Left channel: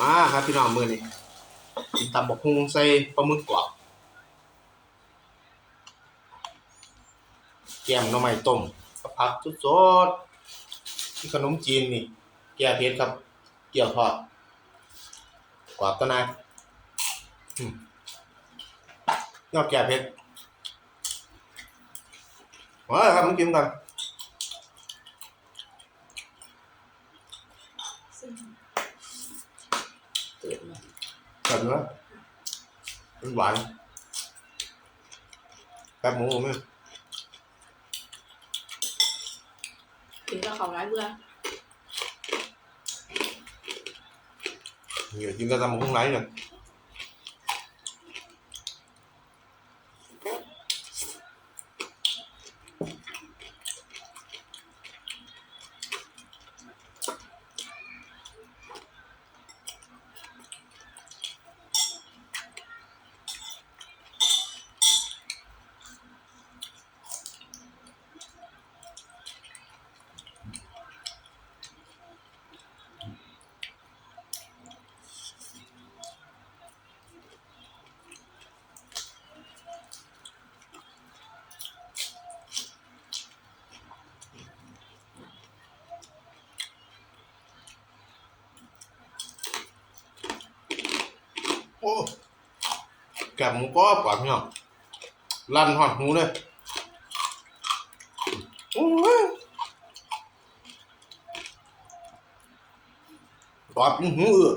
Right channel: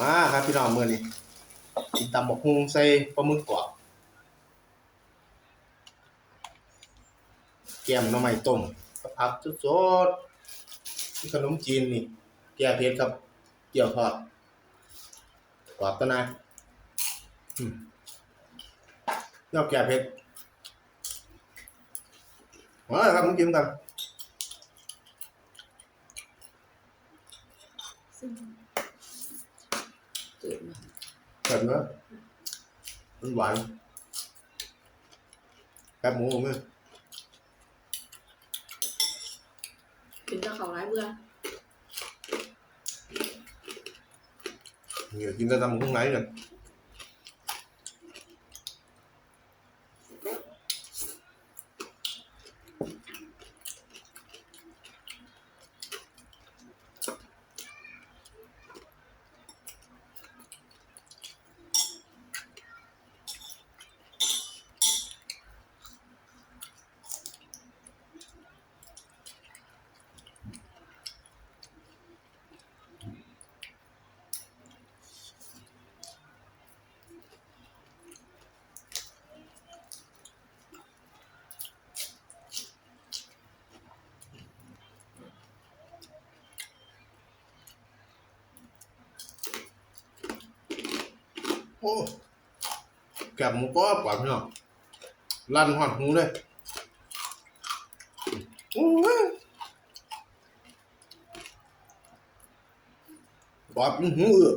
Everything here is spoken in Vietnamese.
มาครับพี่น้องมือนี้กินตำบกฮุงใส่ปลาหมึกกรอบแกมหน่อไม้ต้มกับผักสดๆที่ขนมจีนนี่ แก้เผ็ดครับ เกี่ยวทอดกรอบตัวนายอืมนอกแก้เผ็ดมาเลยครับมากินกัน cần nữa, anh bạn các muốn không em chỉ ra không lại bữa nhiều chúng ta ta muốn lấy rồi โอ้แกบหมูกรอบกว่าพี่น้องลั่นหอดหูเลยโอ้ยกรอบยิ่งหูเอือ